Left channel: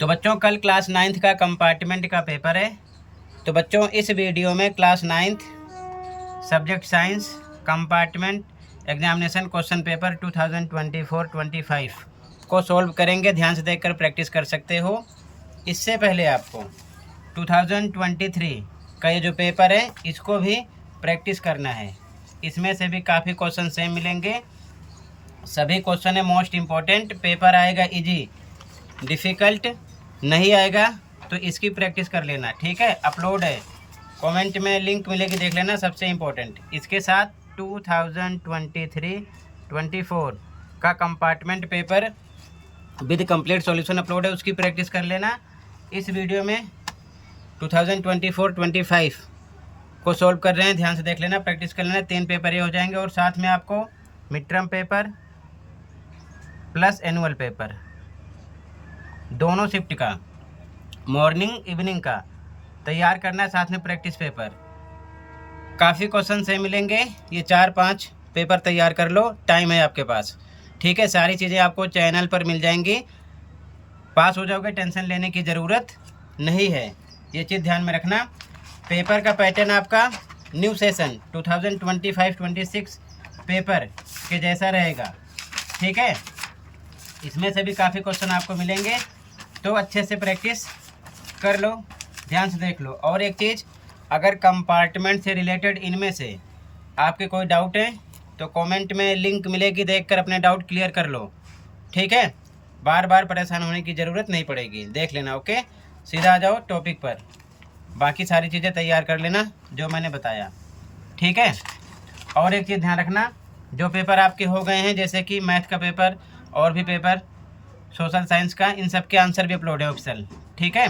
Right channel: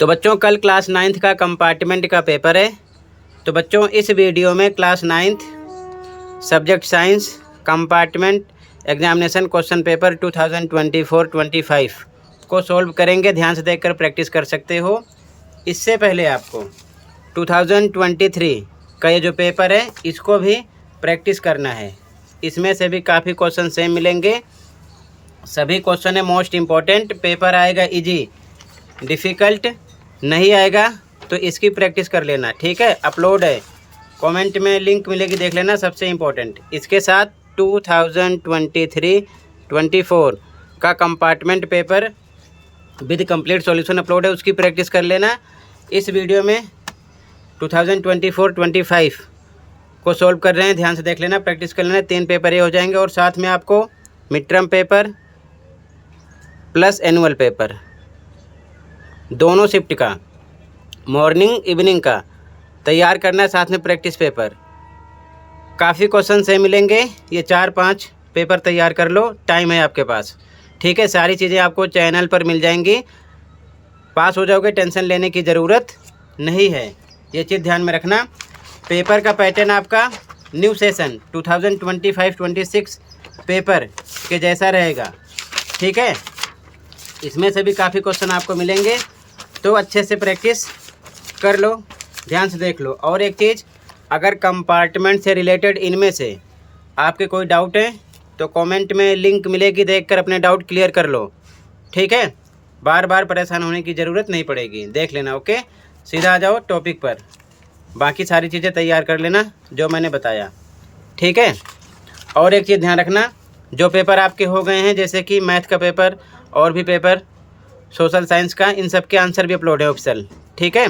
तो बच्चों कल क्लास 9th का कंपार्टमेंट का पेपर है। तो बच्चों इस वीडियो में class 9th subject science compartment examination question paper 2024-25 को सॉल्व करेंगे। ध्यान से देखकर प्रैक्टिस कर सकते हो। इससे पहले आपको 2023 का ये जो पेपर है इसको भी प्रैक्टिस करना है। इसमें से भी काफ़ी क्वेश्चन सेम मिलेंगे। सभी क्वेश्चन है मोस्ट इम्पॉर्टेंट। पेपर आएगा इजी, डिफ़िकल्ट नहीं आएगा तो इसकी प्रैक्टिस कर लेना, ठीक है। अपलोड है, कमेंट में लिंक मिलेगी, देख लेना। सबसे इम्पोर्टेंट इसके साथ 2023-24 का compartment paper with complete solution upload है, उसकी प्रैक्टिस कर लेना। इस वीडियो में 2024-25 को सॉल्व कर रहे हैं, ध्यान से देख लेना, प्रैक्टिस कर लेना। 3 पेपर ये हो जाएंगे और साथ में आपको mid term paper plus annual paper दोनों शिफ्ट का मॉर्निंग इवनिंग का तैयार करना है, साथ में प्रैक्टिस पेपर। काफ़ी क्वेश्चन से मिलेंगे, ये 4-5 पेपर तैयार कर लो, टाइम है आपके पास, ठीक है। सारी चीज़ें आपको चैनल पर मिल जाएंगी, पास हो जाओगे, टेंशन लेने की ज़रूरत नहीं है। ये चीज़ ध्यान में रखना। पेपर का पैटर्न आपका न्यू सेशन 2025-26 पेपर के जैसा रहेगा, ठीक है। इसमें से भी काफ़ी क्वेश्चन आपको मिलेंगे, तो अच्छे से प्रैक्टिस कर लो, ध्यान से देख लो। और एक चीज़, अगर कंपार्टमेंट से रिलेटेड इनमें से आपके कोई डाउट है तो कमेंट में लिंक मिलेगी, देखकर अपने डाउट क्लियर कर लो, ठीक है। बार बार परेशान होने की ज़रूरत नहीं पड़ेगी, देख लेना, ओके। सीधा आ जाओ टॉपिक पर, बाकी सारी चीज़ें तैयार कर लेना जो मैंने बताया, ठीक है। और एक चीज़ ध्यान रखना, जो पेपर आपके हो गए हैं जैसे कि मैथ का पेपर और भी पेपर सोशल साइंस का, इन सब के आंसर भी अपलोड है ऑप्शनल, ठीक है।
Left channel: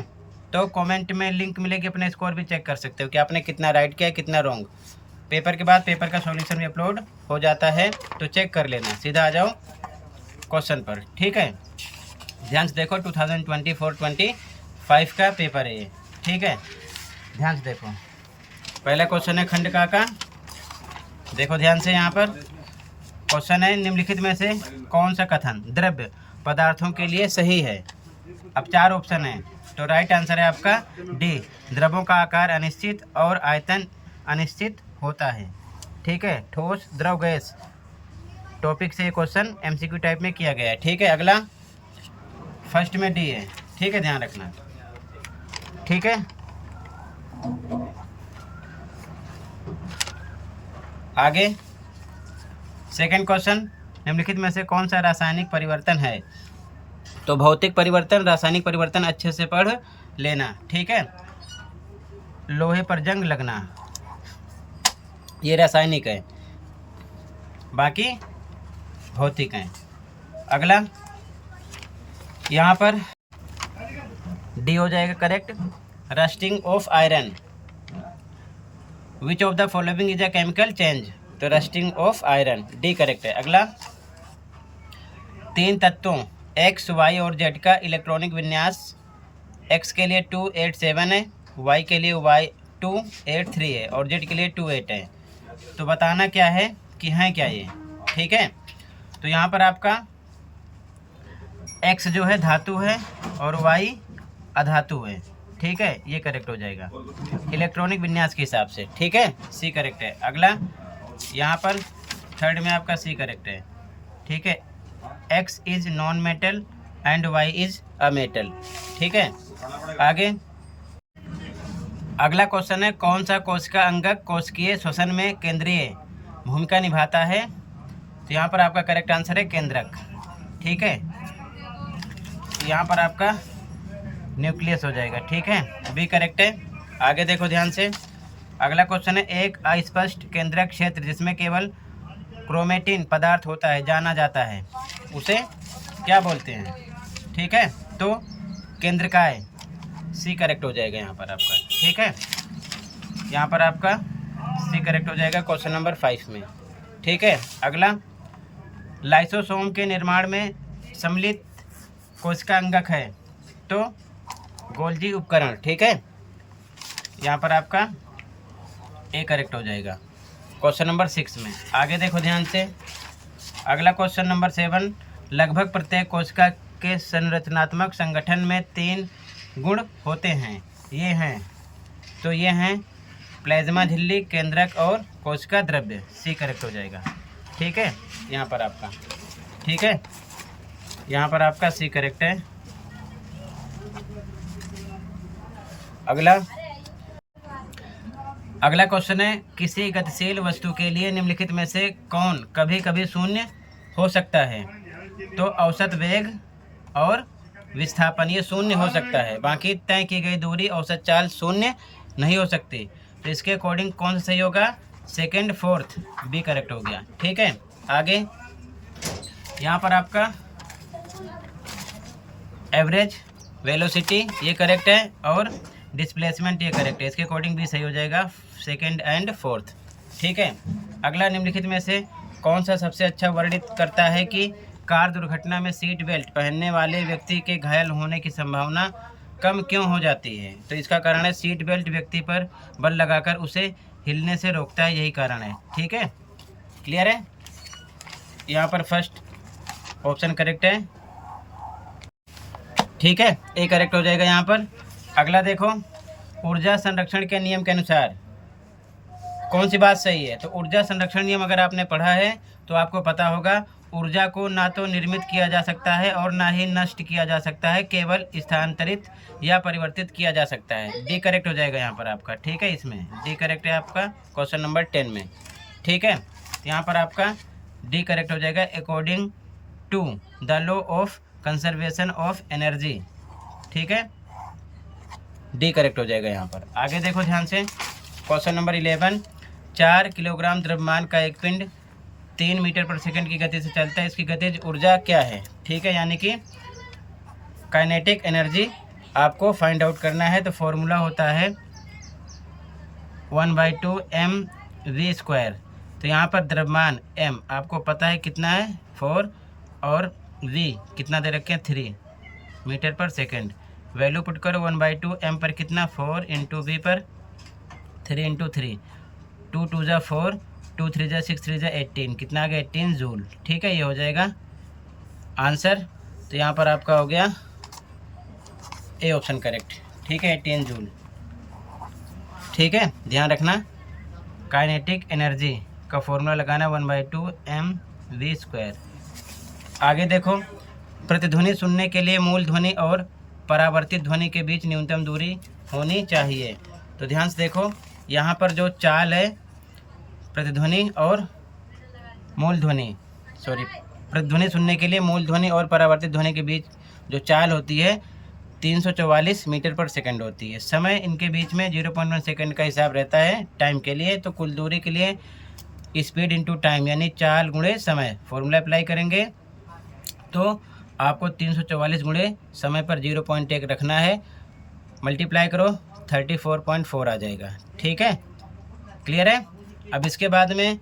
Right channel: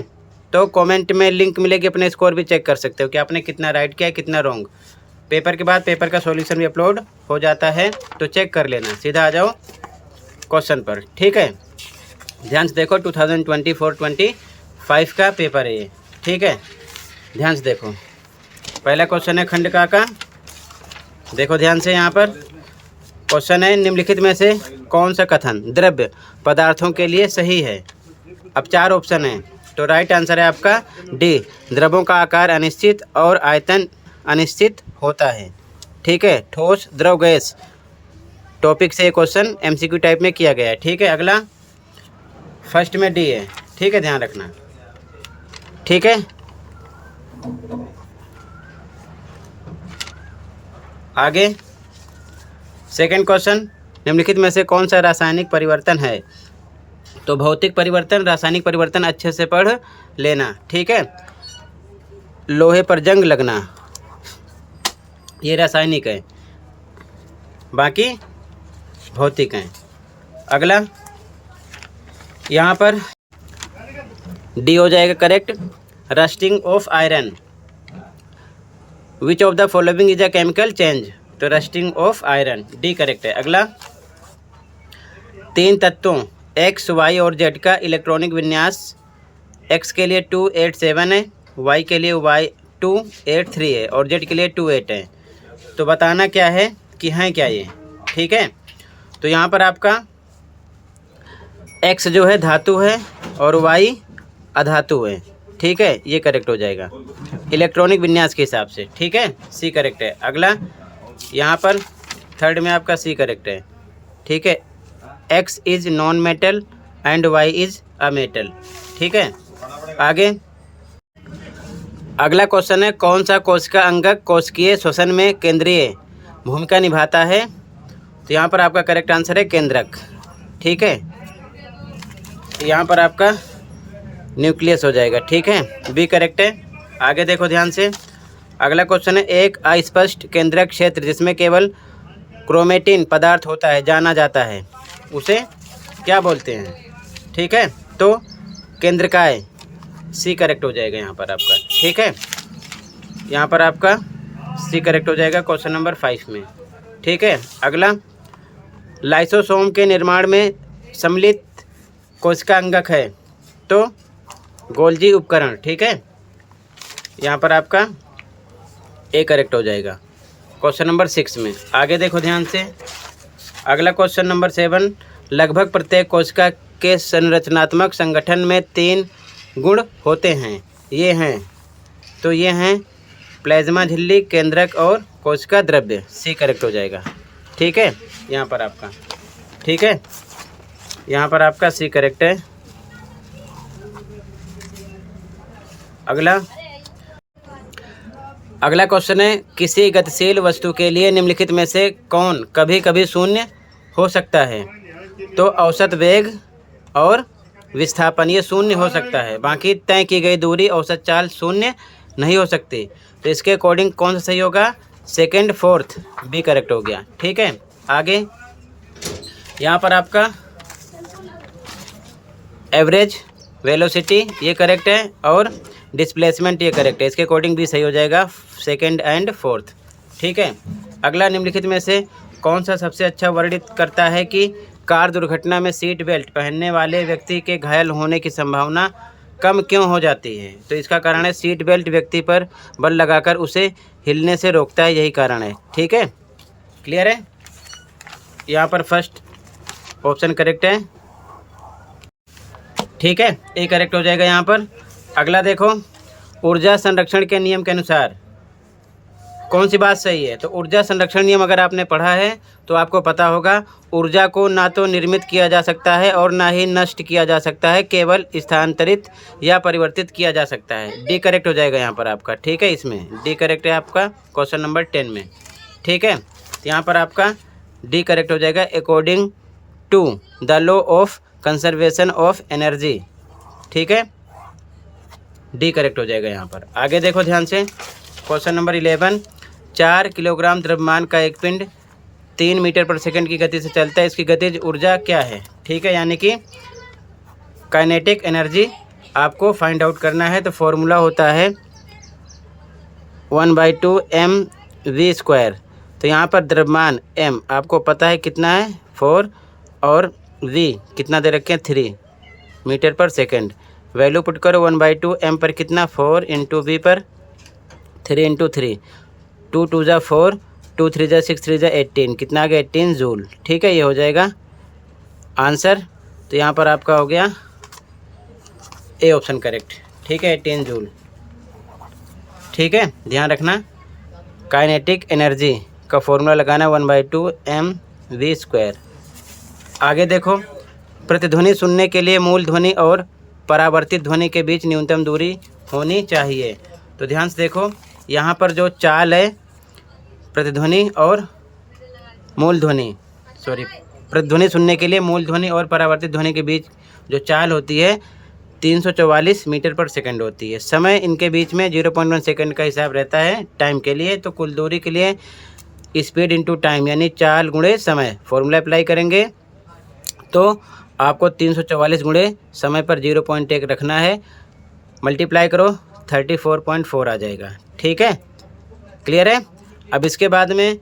तो कमेंट में लिंक मिलेगी, अपने स्कोर भी चेक कर सकते हो कि आपने कितना राइट किया, कितना रॉन्ग। पेपर के बाद पेपर का सॉल्यूशन भी अपलोड हो जाता है, तो चेक कर लेना। सीधा आ जाओ क्वेश्चन पर, ठीक है। ध्यान से देखो, 2024-25 का पेपर है ये, ठीक है। ध्यान से देखो, पहला क्वेश्चन है खंड का। देखो ध्यान से, यहाँ पर क्वेश्चन है, निम्नलिखित में से कौन सा कथन द्रव्य पदार्थों के लिए सही है। अब 4 ऑप्शन है, तो राइट आंसर है आपका डी, द्रव्यों का आकार अनिश्चित और आयतन अनिश्चित होता है, ठीक है। ठोस द्रव गैस टॉपिक से क्वेश्चन एमसीक्यू टाइप में किया गया है, ठीक है। अगला फर्स्ट में डी है, ठीक है, ध्यान रखना, ठीक है। आगे सेकंड क्वेश्चन, निम्नलिखित में से कौन सा रासायनिक परिवर्तन है। तो भौतिक परिवर्तन, रासायनिक परिवर्तन अच्छे से पढ़ लेना, ठीक है। लोहे पर जंग लगना ये रासायनिक है, बाकी भौतिक हैं। अगला यहाँ पर डी हो जाएगा correct, rusting of iron. Which of the following is a chemical change. तो rusting of iron, D correct है। अगला 3 तत्वों एक्स वाई और जेड का इलेक्ट्रॉनिक विन्यास एक्स के लिए 287 है, वाई के लिए 283 है और जेड के लिए 28 है। तो बताना क्या है कि हैं क्या ये, ठीक है। तो यहाँ पर आपका एक्स जो है धातु है और वाई अधातु है, ठीक है, ये करेक्ट हो जाएगा इलेक्ट्रॉनिक विन्यास के हिसाब से, ठीक है, सी करेक्ट है। अगला यहाँ पर थर्ड में आपका सी करेक्ट है, ठीक है। X is non metal and Y is a metal, ठीक है। आगे अगला क्वेश्चन है, कौन सा कोशिका अंगक कोशिकीय श्वसन में केंद्रीय भूमिका निभाता है। तो यहाँ पर आपका करेक्ट आंसर है केंद्रक, ठीक है। यहाँ पर आपका न्यूक्लियस हो जाएगा, ठीक है, बी करेक्ट है। आगे देखो ध्यान से, अगला क्वेश्चन है, एक अस्पष्ट केंद्रक क्षेत्र जिसमें केवल क्रोमेटिन पदार्थ होता है जाना जाता है, उसे क्या बोलते हैं, ठीक है। तो केंद्रकाय, सी करेक्ट हो जाएगा यहाँ पर आपका, ठीक है। यहाँ पर आपका सी करेक्ट हो जाएगा क्वेश्चन नंबर 5 में, ठीक है। अगला लाइसोसोम के निर्माण में सम्मिलित कोशिका अंगक है। तो गोल्जी उपकरण, ठीक है। यहाँ पर आपका ए करेक्ट हो जाएगा क्वेश्चन नंबर 6 में। आगे देखो ध्यान से, अगला क्वेश्चन नंबर 7, लगभग प्रत्येक कोशिका के संरचनात्मक संगठन में 3 गुण होते हैं। ये हैं, तो ये हैं प्लाज्मा झिल्ली, केंद्रक और कोशिका द्रव्य। सी करेक्ट हो जाएगा। ठीक है, यहाँ पर आपका, ठीक है, यहाँ पर आपका सी करेक्ट है। अगला क्वेश्चन है, किसी गतिशील वस्तु के लिए निम्नलिखित में से कौन कभी कभी शून्य हो सकता है? तो औसत वेग और विस्थापन ये शून्य हो सकता है, बाकी तय की गई दूरी औसत चाल शून्य नहीं हो सकती। तो इसके अकॉर्डिंग कौन सा सही होगा? सेकंड, फोर्थ, बी करेक्ट हो गया। ठीक है, आगे यहाँ पर आपका एवरेज वेलोसिटी ये करेक्ट है और डिस्प्लेसमेंट ये करेक्ट है। इसके अकॉर्डिंग भी सही हो जाएगा, सेकंड एंड फोर्थ। ठीक है, अगला निम्नलिखित में से कौन सा सबसे अच्छा वर्णित करता है कि कार दुर्घटना में सीट बेल्ट पहनने वाले व्यक्ति के घायल होने की संभावना कम क्यों हो जाती है? तो इसका कारण है सीट बेल्ट व्यक्ति पर बल लगाकर उसे हिलने से रोकता है, यही कारण है। ठीक है, क्लियर है? यहाँ पर फर्स्ट ऑप्शन करेक्ट है। ठीक है, ए करेक्ट हो जाएगा यहाँ पर। अगला देखो, ऊर्जा संरक्षण के नियम के अनुसार कौन सी बात सही है? तो ऊर्जा संरक्षण नियम अगर आपने पढ़ा है तो आपको पता होगा, ऊर्जा को ना तो निर्मित किया जा सकता है और ना ही नष्ट किया जा सकता है, केवल स्थानांतरित या परिवर्तित किया जा सकता है। डी करेक्ट हो जाएगा यहाँ पर आपका। ठीक है, इसमें डी करेक्ट है आपका क्वेश्चन नंबर 10 में। ठीक है, यहाँ पर आपका डी करेक्ट हो जाएगा, according to the law of conservation of energy. ठीक है, डी करेक्ट हो जाएगा यहाँ पर। आगे देखो ध्यान से, क्वेश्चन नंबर 11, 4 किलोग्राम द्रव्यमान का एक पिंड 3 मीटर पर सेकंड की गति से चलता है, इसकी गतिज ऊर्जा क्या है? ठीक है, यानी कि काइनेटिक एनर्जी आपको फाइंड आउट करना है। तो फॉर्मूला होता है 1/2 mv²। तो यहाँ पर द्रव्यमान m आपको पता है कितना है, 4, और v कितना दे रखे हैं, 3 मीटर पर सेकंड। वैल्यू पुट करो, 1/2 m पर कितना, 4 इंटू v पर 3 इंटू 3, 2 2 जा 4, 2 3 जा 6, 3 जा 18, कितना आ गया, 18 जूल। ठीक है, ये हो जाएगा आंसर। तो यहाँ पर आपका हो गया ए ऑप्शन करेक्ट। ठीक है, 18 जूल। ठीक है, ध्यान रखना, काइनेटिक एनर्जी का फॉर्मूला लगाना 1/2 mv²। आगे देखो, प्रतिध्वनि सुनने के लिए मूल ध्वनि और परावर्तित ध्वनि के बीच न्यूनतम दूरी होनी चाहिए। तो ध्यान से देखो, यहाँ पर जो चाल है प्रतिध्वनि और मूल ध्वनि, प्रतिध्वनि सुनने के लिए मूल ध्वनि और परावर्तित ध्वनि के बीच जो चाल होती है 344 मीटर पर सेकंड होती है। समय इनके बीच में 0.1 सेकंड का हिसाब रहता है टाइम के लिए। तो कुल दूरी के लिए स्पीड इंटू टाइम यानी चाल गुणे समय फॉर्मूला अप्लाई करेंगे तो आपको 344 गुणे समय पर 0.1 रखना है, मल्टीप्लाई करो 34.4 आ जाएगा। ठीक है, क्लियर है? अब इसके बाद में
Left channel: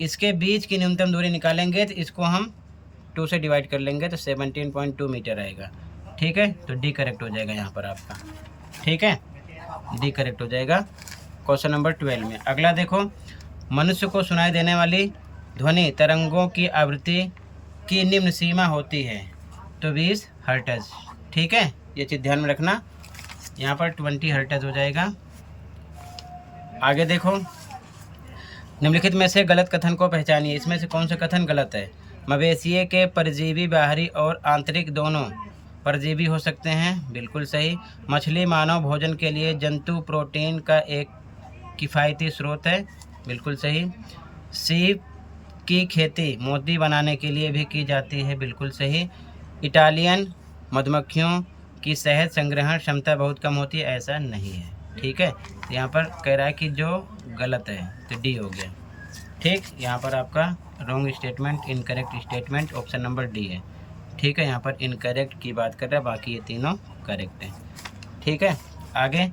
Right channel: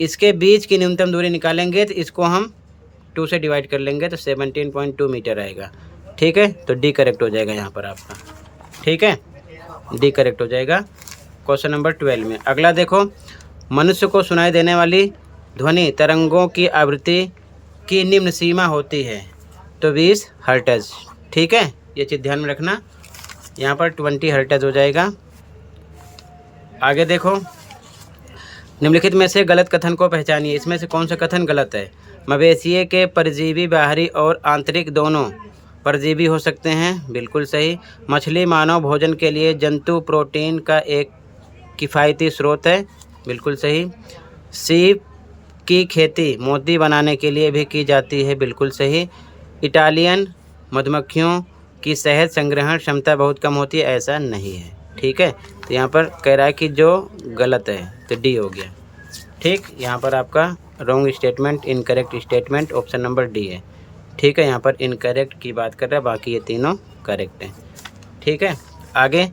इसके बीच की न्यूनतम दूरी निकालेंगे तो इसको हम 2 से डिवाइड कर लेंगे तो 17.2 मीटर आएगा। ठीक है, तो डी करेक्ट हो जाएगा यहाँ पर आपका। ठीक है, डी करेक्ट हो जाएगा क्वेश्चन नंबर 12 में। अगला देखो, मनुष्य को सुनाई देने वाली ध्वनि तरंगों की आवृत्ति की निम्न सीमा होती है। तो 20 हर्ट्ज। ठीक है, ये चीज़ ध्यान में रखना, यहाँ पर 20 हर्ट्ज हो जाएगा। आगे देखो, निम्नलिखित में से गलत कथन को पहचानिए। इसमें से कौन सा कथन गलत है? मवेशिए के परजीवी बाहरी और आंतरिक दोनों परजीवी हो सकते हैं, बिल्कुल सही। मछली मानव भोजन के लिए जंतु प्रोटीन का एक किफ़ायती स्रोत है, बिल्कुल सही। सीप की खेती मोती बनाने के लिए भी की जाती है, बिल्कुल सही। इटालियन मधुमक्खियों की शहद संग्रहण क्षमता बहुत कम होती है, ऐसा नहीं है। ठीक है, तो यहाँ पर कह रहा है कि जो गलत है, तो डी हो गया। ठीक, यहाँ पर आपका wrong statement, incorrect statement option number D है। ठीक है, यहाँ पर इनकरेक्ट की बात कर रहा है, बाकी ये तीनों करेक्ट हैं। ठीक है, आगे,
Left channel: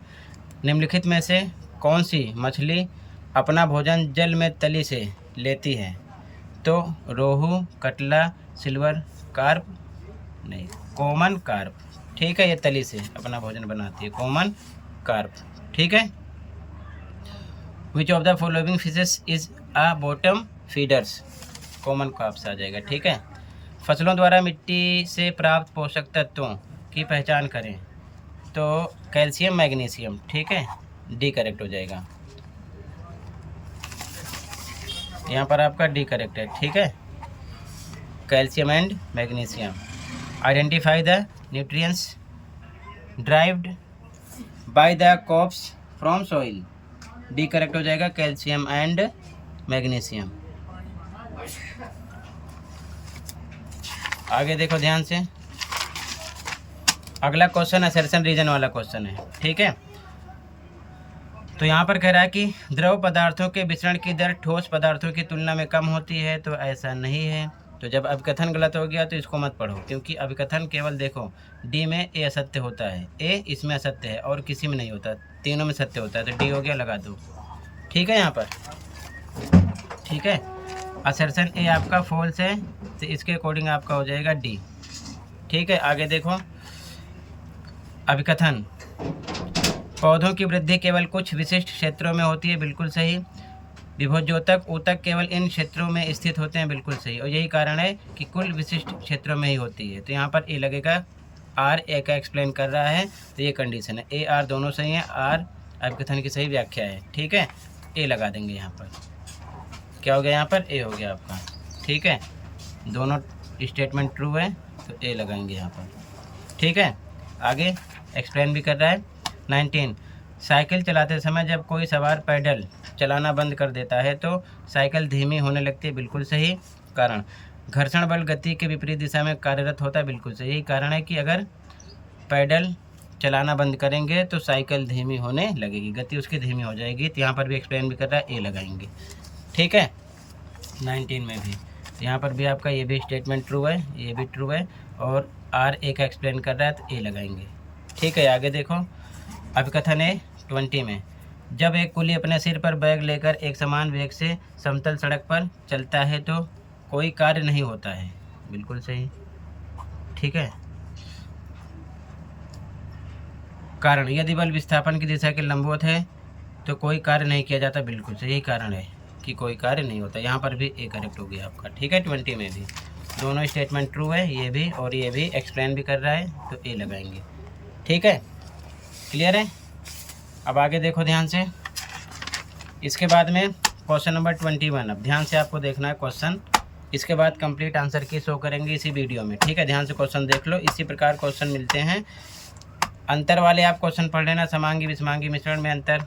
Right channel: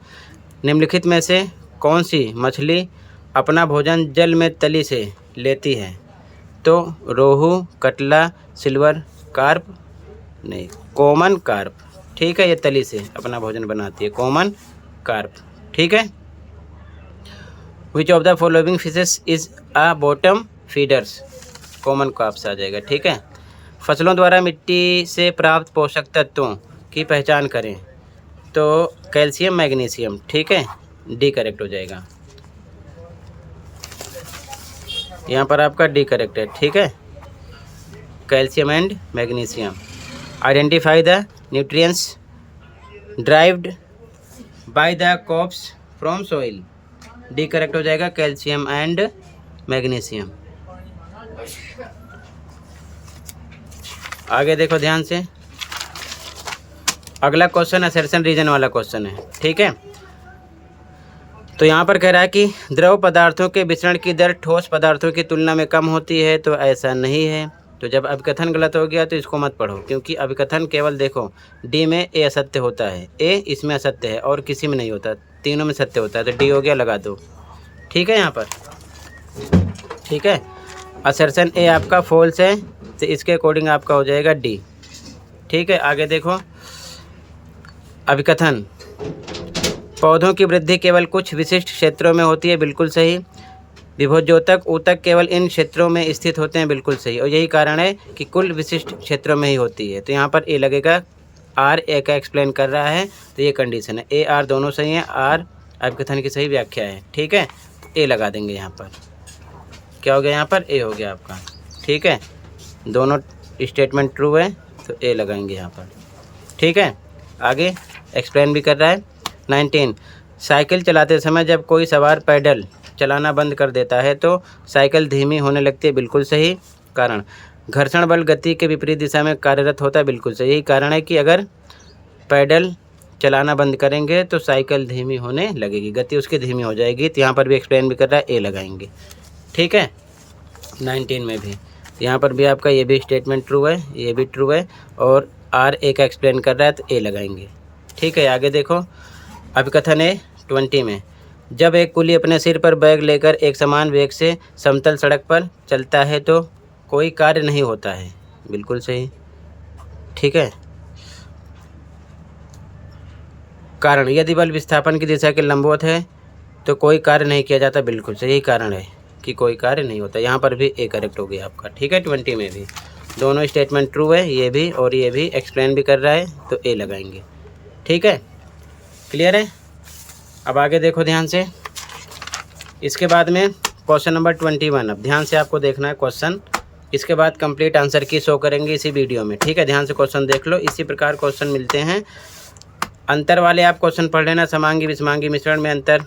निम्नलिखित में से कौन सी मछली अपना भोजन जल में तली से लेती है? तो रोहू, कटला, सिल्वर कार्प, नहीं, कॉमन कार्प। ठीक है, ये तली से अपना भोजन बनाती है, कॉमन कार्प। ठीक है, which of the following fishes is a bottom feeders? Common carps आ जाएगा। ठीक है, फसलों द्वारा मिट्टी से प्राप्त पोषक तत्वों की पहचान करें। तो कैल्शियम मैग्नीशियम, ठीक है, डी करेक्ट हो जाएगा। यहाँ पर आपका डी करेक्ट है, ठीक है, calcium and magnesium. Identify the nutrients derived by the crops from soil, D correct हो जाएगा, कैल्शियम एंड मैग्नीशियम। आगे देखो ध्यान से, अगला क्वेश्चन असर्शन रीजन वाला क्वेश्चन है, ठीक है। तो यहाँ पर कह रहा है कि द्रव पदार्थों के विचरण की दर ठोस पदार्थों की तुलना में कम होती है, तो ऐसा नहीं है। तो जब अभिकथन गलत हो गया तो इसको मत पढ़ो, क्योंकि अभिकथन केवल देखो डी में ए असत्य होता है, ए इसमें असत्य है और किसी में नहीं होता, तीनों में सत्य होता है, तो डी हो गया, लगा दो, ठीक है। यहाँ पर ठीक है, असर्शन ए आपका फॉल्स है, तो इसके अकॉर्डिंग आपका हो जाएगा डी, ठीक है। आगे देखो, अभिकथन पौधों की वृद्धि केवल कुछ विशिष्ट क्षेत्रों में होती है, बिल्कुल सही। विभोज्योतक ऊतक केवल इन क्षेत्रों में स्थित होते हैं, बिल्कुल सही, और यही कारण है कि कुल विशिष्ट क्षेत्रों में ही होती है। तो यहाँ पर ए लगेगा, आर ए का एक्सप्लेन कर रहा है, तो ये कंडीशन है, ए आर दोनों सही हैं, आर अभिकथन की सही व्याख्या है, ठीक है, ए लगा देंगे। यहाँ पर क्या हो गया, यहाँ पर ए हो गया आपका, ठीक है, दोनों स्टेटमेंट ट्रू है, तो ए लगाएंगे यहाँ पर, ठीक है। आगे एक्सप्लेन भी कर रहा है। 19, साइकिल चलाते समय जब कोई सवार पैडल चलाना बंद कर देता है तो साइकिल धीमी होने लगती है, बिल्कुल सही। कारण घर्षण बल गति के विपरीत दिशा में कार्यरत होता है, बिल्कुल सही। यही कारण है कि अगर पैडल चलाना बंद करेंगे तो साइकिल धीमी होने लगेगी, गति उसकी धीमी हो जाएगी। तो यहाँ पर भी एक्सप्लेन भी कर रहा है, ए लगाएंगे, ठीक है। 19 में भी यहाँ पर भी आपका ये भी स्टेटमेंट ट्रू है, ये भी ट्रू है, और आर ए का एक्सप्लेन कर रहा है, तो ए लगाएंगे, ठीक है। आगे देखो, अभिकथन है 20 में, जब एक कुली अपने सिर पर बैग लेकर एक समान वेग से समतल सड़क पर चलता है तो कोई कार्य नहीं होता है, बिल्कुल सही, ठीक है। कारण यदि बल विस्थापन की दिशा के लंबवत है तो कोई कार्य नहीं किया जाता, बिल्कुल सही, यही कारण है कि कोई कार्य नहीं होता। यहाँ पर भी ए करेक्ट हो गया आपका, ठीक है। 20 में भी दोनों स्टेटमेंट ट्रू है, ये भी और ये भी एक्सप्लेन भी कर रहा है, तो ए लगाएंगे, ठीक है, क्लियर है। अब आगे देखो ध्यान से, इसके बाद में क्वेश्चन नंबर 21, अब ध्यान से आपको देखना है क्वेश्चन, इसके बाद कंप्लीट आंसर की शो करेंगे इसी वीडियो में, ठीक है। ध्यान से क्वेश्चन देख लो, इसी प्रकार क्वेश्चन मिलते हैं। अंतर वाले आप क्वेश्चन पढ़ लेना, समांगी विषमांगी मिश्रण में अंतर,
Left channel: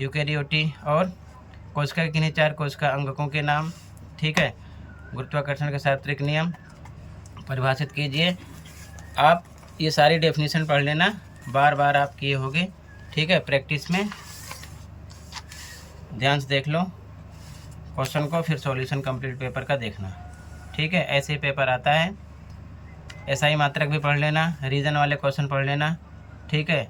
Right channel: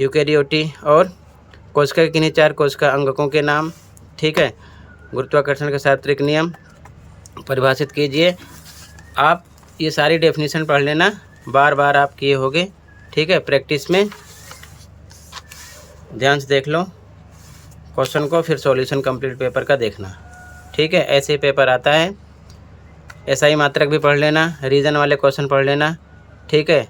यूकेरियोटी और कोशिका के किन्हीं 4 कोशिका अंगकों के नाम, ठीक है। गुरुत्वाकर्षण का सार्वत्रिक नियम परिभाषित कीजिए। आप ये सारी डेफिनेशन पढ़ लेना, बार बार आप किए होगे, ठीक है। प्रैक्टिस में ध्यान से देख लो क्वेश्चन को, फिर सॉल्यूशन कंप्लीट पेपर का देखना, ठीक है। ऐसे पेपर आता है, एसआई मात्रक भी पढ़ लेना, रीजन वाले क्वेश्चन पढ़ लेना, ठीक है।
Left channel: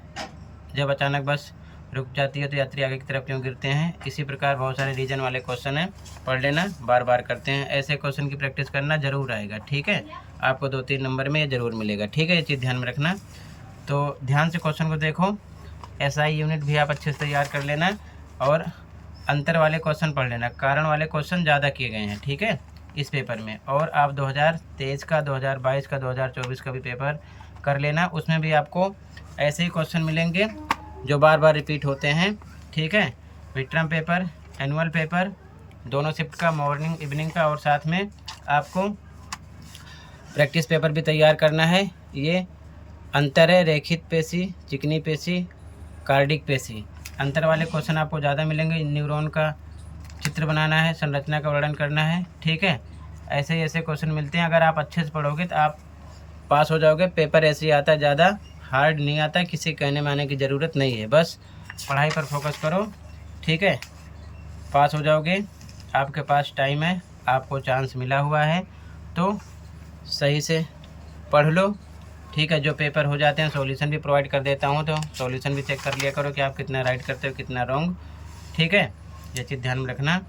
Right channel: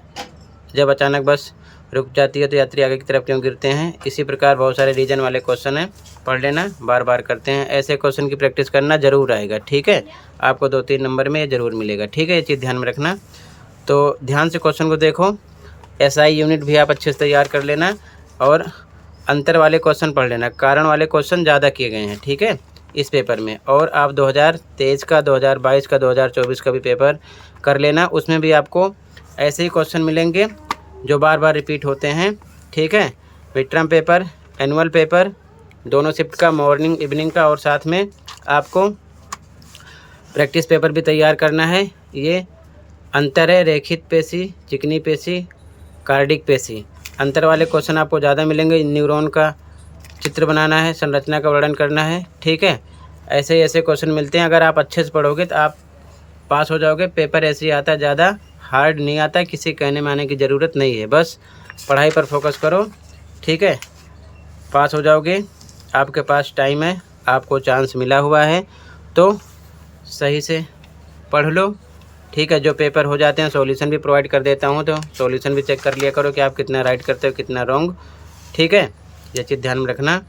जब अचानक बस रुक जाती है तो यात्री आगे की तरफ क्यों गिरते हैं, इसी प्रकार बहुत सारे रीजन वाले क्वेश्चन हैं, पढ़ लेना, बार बार करते हैं। ऐसे क्वेश्चन की प्रैक्टिस करना जरूर आएगा, ठीक है। आपको 2-3 नंबर में ज़रूर मिलेगा, ठीक है, ये चीज़ ध्यान में रखना। तो ध्यान से क्वेश्चन को देखो, एसआई यूनिट भी आप अच्छे से तैयार कर लेना, और अंतर वाले क्वेश्चन पढ़ लेना। कारण वाले क्वेश्चन ज़्यादा किए गए हैं, ठीक है, इस पेपर में। और आप 2023 का, 2022 का, 2024 का भी पेपर कर लेना, उसमें भी आपको ऐसे ही क्वेश्चन मिलेंगे जो बार बार रिपीट होते हैं, ठीक है। Mid term paper, annual paper, दोनों शिफ्ट का, मॉर्निंग इवनिंग का, और साथ में आपको प्रैक्टिस पेपर भी तैयार करना है। ये अंतर है, रेखित पेशी, चिकनी पेशी, कार्डिक पेशी। अंतर वाले क्वेश्चन आपको ज़्यादा मिलेंगे, न्यूरॉन का चित्र बनाना है, संरचना का वर्णन करना है, ठीक है। ऐसे क्वेश्चन मिलते हैं, अगर आप अच्छे से पढ़ोगे तो आप पास हो जाओगे। पेपर ऐसे ही आता है, ज़्यादा हार्ड नहीं आता, किसी कहने में आने की ज़रूरत नहीं है, बस पढ़ाई पर फोकस करो, ठीक है, पास हो जाओगे। आपके पास टाइम है, आपको चांस मिला हुआ है, तो सही से पढ़ लो, ठीक है। जो पेपर हो जाते हैं सॉल्यूशन भी प्रोवाइड कर देता हूँ, तो सॉल्यूशन भी चेक कर लिया करो कि आप कितना राइट करते हो, कितना रॉन्ग, ठीक है। ये चीज़ ध्यान में रखना।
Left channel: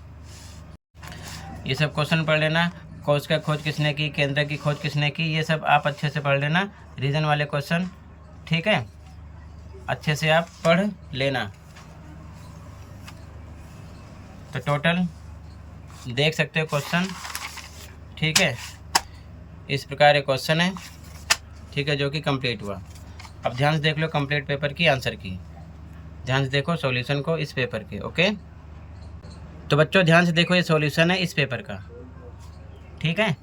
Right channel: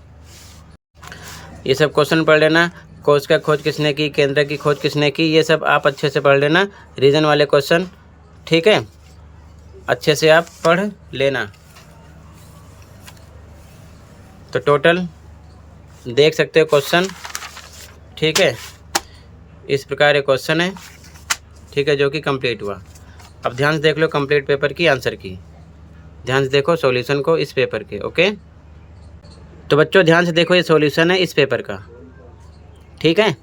ये सब क्वेश्चन पढ़ लेना, कोश का खोज किसने की, केंद्र की खोज किसने की, ये सब आप अच्छे से पढ़ लेना, रीजन वाले क्वेश्चन, ठीक है, अच्छे से आप पढ़ लेना। तो टोटल देख सकते हो क्वेश्चन, ठीक है। इस प्रकार एक क्वेश्चन है, ठीक है, जो कि कंप्लीट हुआ। अब ध्यान से देख लो कंप्लीट पेपर की आंसर की, ध्यान से देखो सॉल्यूशन को इस पेपर के। ओके, तो बच्चों ध्यान से देखो, ये सॉल्यूशन है इस पेपर का, ठीक है।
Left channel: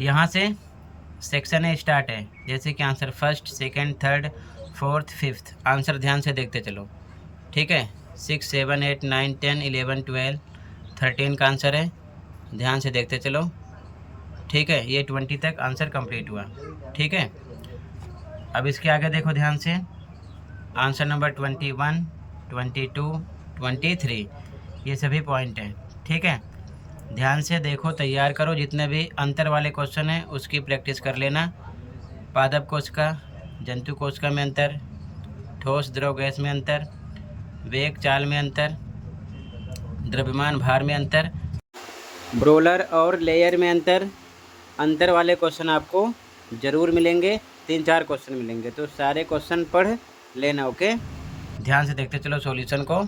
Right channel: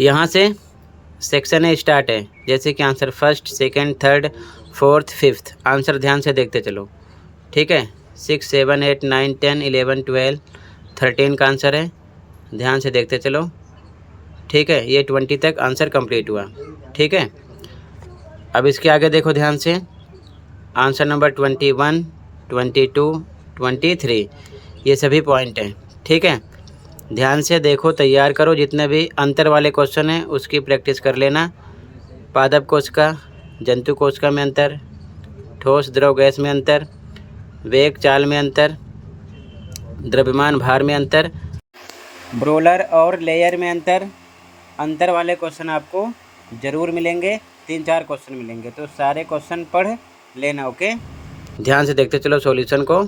यहाँ से सेक्शन है स्टार्ट है, जैसे कि answer first, second, third, fourth, fifth, answer ध्यान से देखते चलो, ठीक है। 6, 7, 8, 9, 10, 11, 12, 13 का आंसर है, ध्यान से देखते चलो, ठीक है। ये 20 तक आंसर कंप्लीट हुआ, ठीक है। अब इसके आगे देखो ध्यान से, आंसर नंबर 21, 22, 23, ये सभी पॉइंट हैं, ठीक है। ध्यान से देखो, तैयार करो, जितने भी अंतर वाले क्वेश्चन हैं उसकी प्रैक्टिस कर लेना। पादप कोश का, जंतु कोशिका में अंतर, ठोस द्रव गैस में अंतर, वेग चाल में अंतर, द्रव्यमान भार में अंतर, ब्रोलर और लेयर में अंतर वाले क्वेश्चन आपको ज़रूर मिलेंगे, 3-4 क्वेश्चन मिलेंगे, तो सारे क्वेश्चन पढ़ लेना। ओके, ध्यान से देखते चलो सॉल्यूशन को।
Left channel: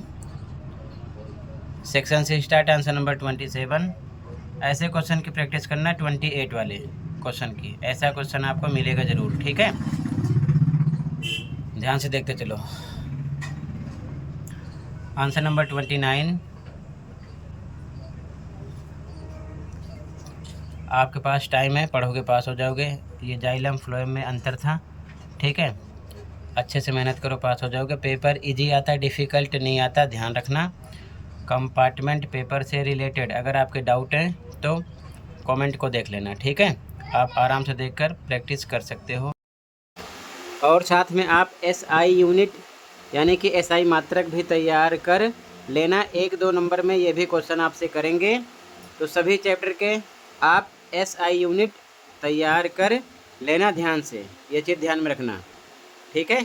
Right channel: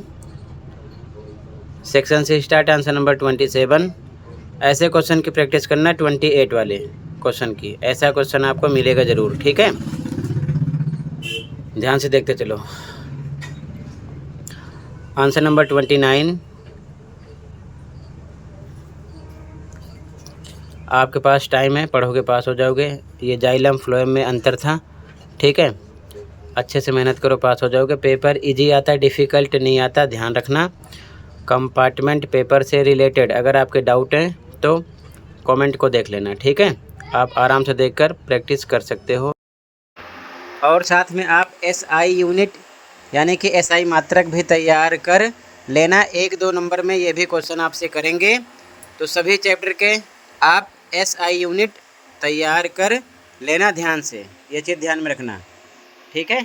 सेक्शन से स्टार्ट, आंसर नंबर 27। ऐसे क्वेश्चन की प्रैक्टिस करना 28 वाले क्वेश्चन की, ऐसा क्वेश्चन आपको मिलेगा ज़रूर, ठीक है। ध्यान से देखते चलो, आंसर नंबर 29, आपके पास टाइम है, पढ़ोगे पास हो जाओगे। ये जाइलम फ्लोएम में अंतर था, ठीक है। अच्छे से मेहनत करो, पास हो जाओगे। पेपर इजी आता, डिफ़िकल्ट नहीं आता, ध्यान रखना। कंपार्टमेंट पेपर से रिलेटेड अगर आपके डाउट हैं तो कमेंट को देख लेना, ठीक है। आप आराम से देखकर प्रैक्टिस कर सकते हो। और साथ में आप SI यूनिट यानी कि SI मात्रक भी तैयार कर लेना। 1-2 नंबर में ये भी क्वेश्चन आपसे करेंगे, तो सभी चैप्टर के आप SI यूनिट तैयार कर लेना। ध्यान से ये चीज़ ध्यान में रखना, ठीक है।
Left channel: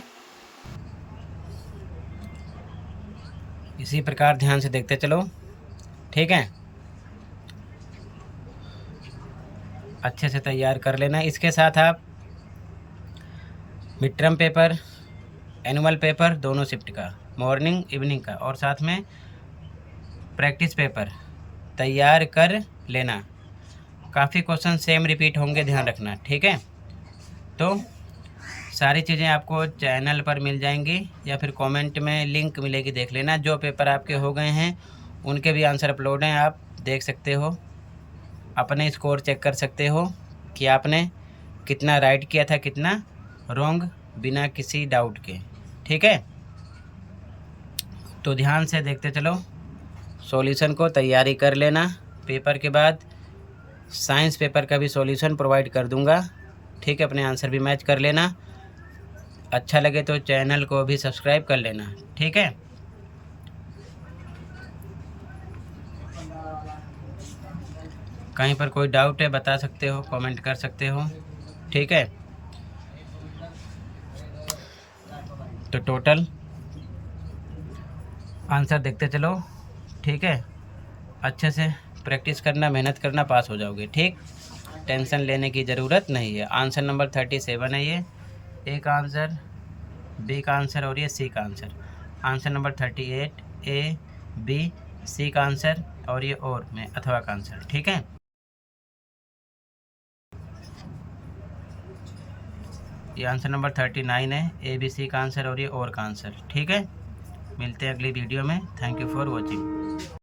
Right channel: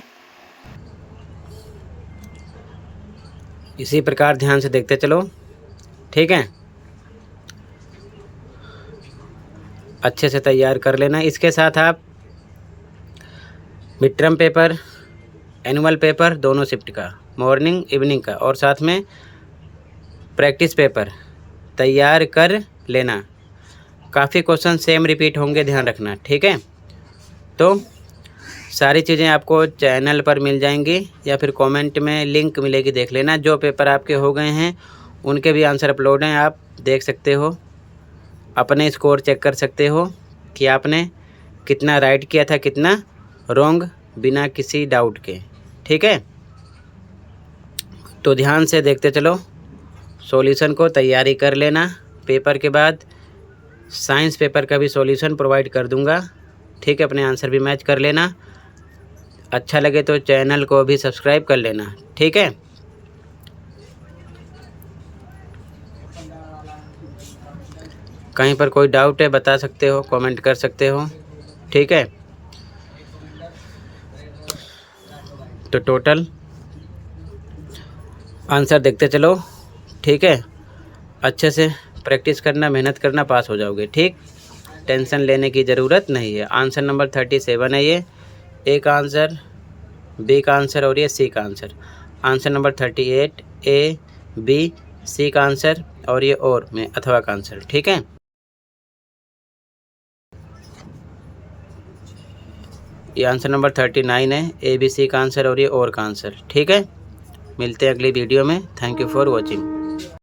इसी प्रकार ध्यान से देखते चलो, ठीक है। अच्छे से तैयार कर लेना। इसके साथ आप mid term paper, annual paper, दोनों शिफ्ट का, मॉर्निंग इवनिंग का, और साथ में प्रैक्टिस पेपर तैयार कर लेना। काफ़ी क्वेश्चन सेम रिपीट होंगे, ध्यान रखना, ठीक है। तो सारी चीज़ें आपको चैनल पर मिल जाएंगी या फिर कमेंट में लिंक मिलेगी, देख लेना। जो पेपर आपके हो गए हैं उनके भी आंसर अपलोड हैं, आप देख सकते हो, अपने स्कोर चेक कर सकते हो कि आपने कितना राइट किया था, कितना रॉन्ग, बिना किसी डाउट के, ठीक है। तो ध्यान से देखते चलो, सॉल्यूशन को तैयारी कर लेना। पेपर के बाद साइंस पेपर का भी सॉल्यूशन प्रोवाइड कर दूंगा, ठीक है। अपने आंसर भी मैच कर लेना। अच्छा लगे तो चैनल को भी सब्सक्राइब कर लेना, ठीक है। कहीं पर कोई डाउट है बता सकते हो, कमेंट कर सकते हो, ठीक है। तो टोटल आंसर देखते चलो, ठीक है। अच्छे से प्रैक्टिस करना, मेहनत करना, पास हो जाओगे, ठीक। टेंशन लेने की ज़रूरत नहीं है। आंसर नंबर 37 है ये, ए का आंसर, बी का आंसर और ये सी का answer. Answer number 38 A, B, C का आंसर और ये और में अथवा का आंसर, ठीक है। ये आंसर नंबर 39 है, A, B, C का आंसर और ये और का आंसर, ठीक है। मिलते हैं अगली वीडियो में। Thank you for watching.